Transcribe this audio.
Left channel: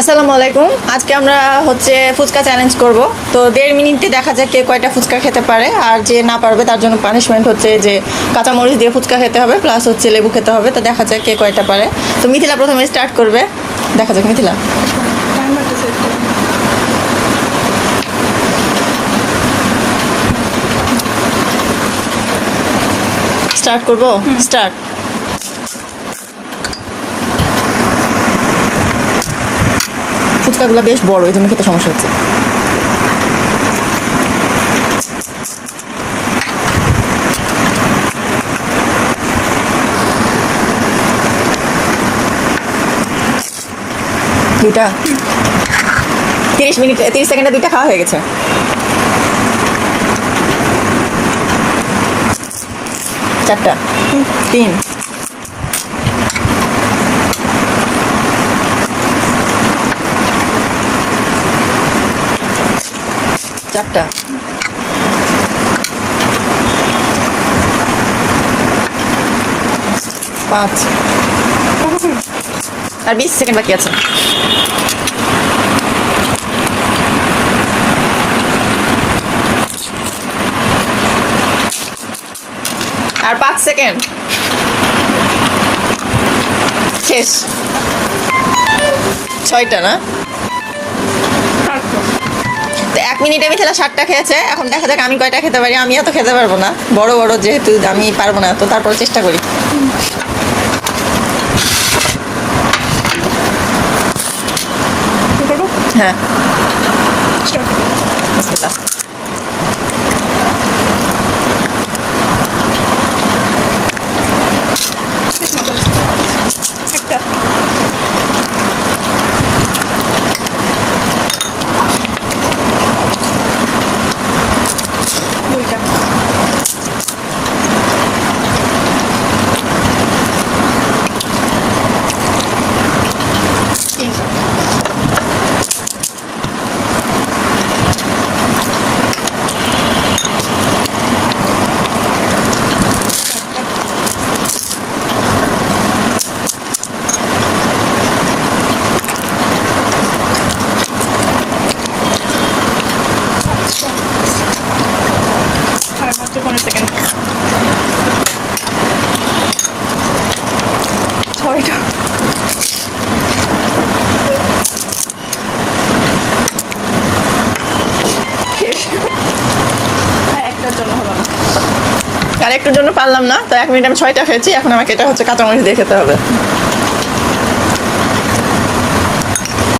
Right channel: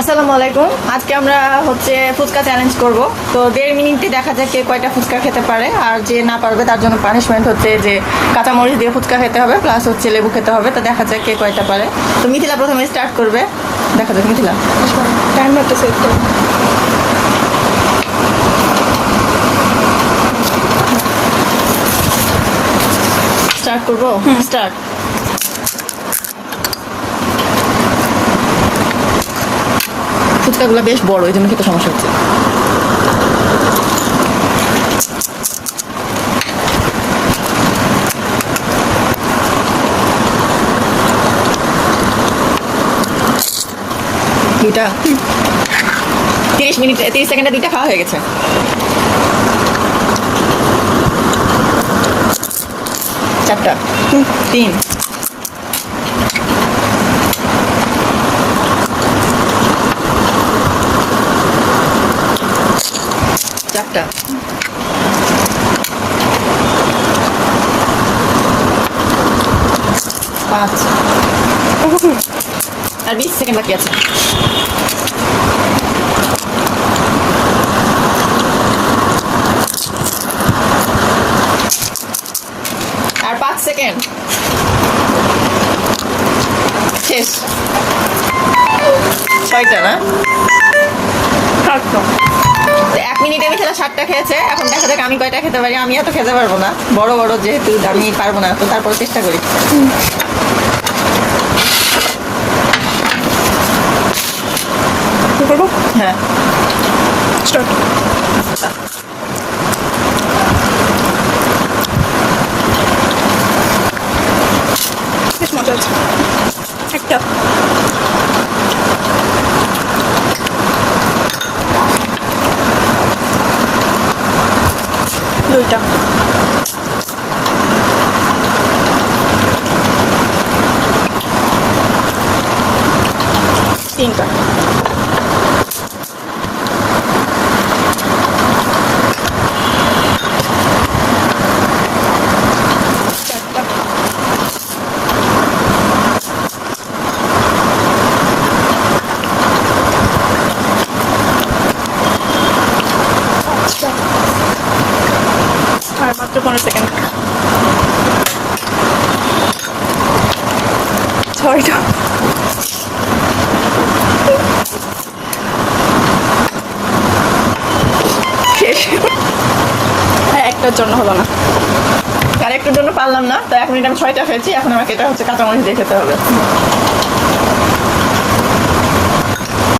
আসসালামু আলাইকুম। আজকে আমরা হচ্ছে ফুচকা চ্যালেঞ্জ করব। তো 1.5 মিনিটে দেখা যায় কে কয়টা ফুচকা খেতে পারে, আর যে না পারবে তার জন্য পানিশমেন্ট হচ্ছে যে কাঁচামরিচ দিয়ে ফুচকা খেতে হবে, প্লাস হচ্ছে লেবু খেতে হবে। তো দেখা যায় কে কয়টা পারে। তো মিথিলা প্রথমে স্টার্ট করবে। দেখা যাক মিথিলা। টাইমারটা সেট করো। স্টার্ট করবো। স্টার্ট। ফুচকাগুলো বেশ বড়, এই জন্য খেতে সমস্যা হচ্ছে। দুইটা 30 সেকেন্ডে দুইটা খাওয়া হয়ে গেছে। চারটা, 3, চারটা, 5, আর 20 সেকেন্ড বাকি আছে। আর 5 সেকেন্ড। শেষ। 6টা না? 1 মিনিটে আমি খেলা 7টা খেয়েছে। এখন দেখা যাক আমি কয়টা খেতে পারি। আমি এত খেতে পারবো না, বড় বড় যেহেতু আমি পারবো না, তো তারপর চেষ্টা করি। হ্যাঁ, একটা দুইটা তিনটা আর মাত্র 15 সেকেন্ড। 6টা শেষ। আর একটার জন্য হলো না। আর একটুর জন্য পারলাম না। তো 1 মিনিট আমি 6টা খেয়েছি। এখন আমাকে এটা হচ্ছে কাঁচামরিচ দিয়ে খেতে হবে।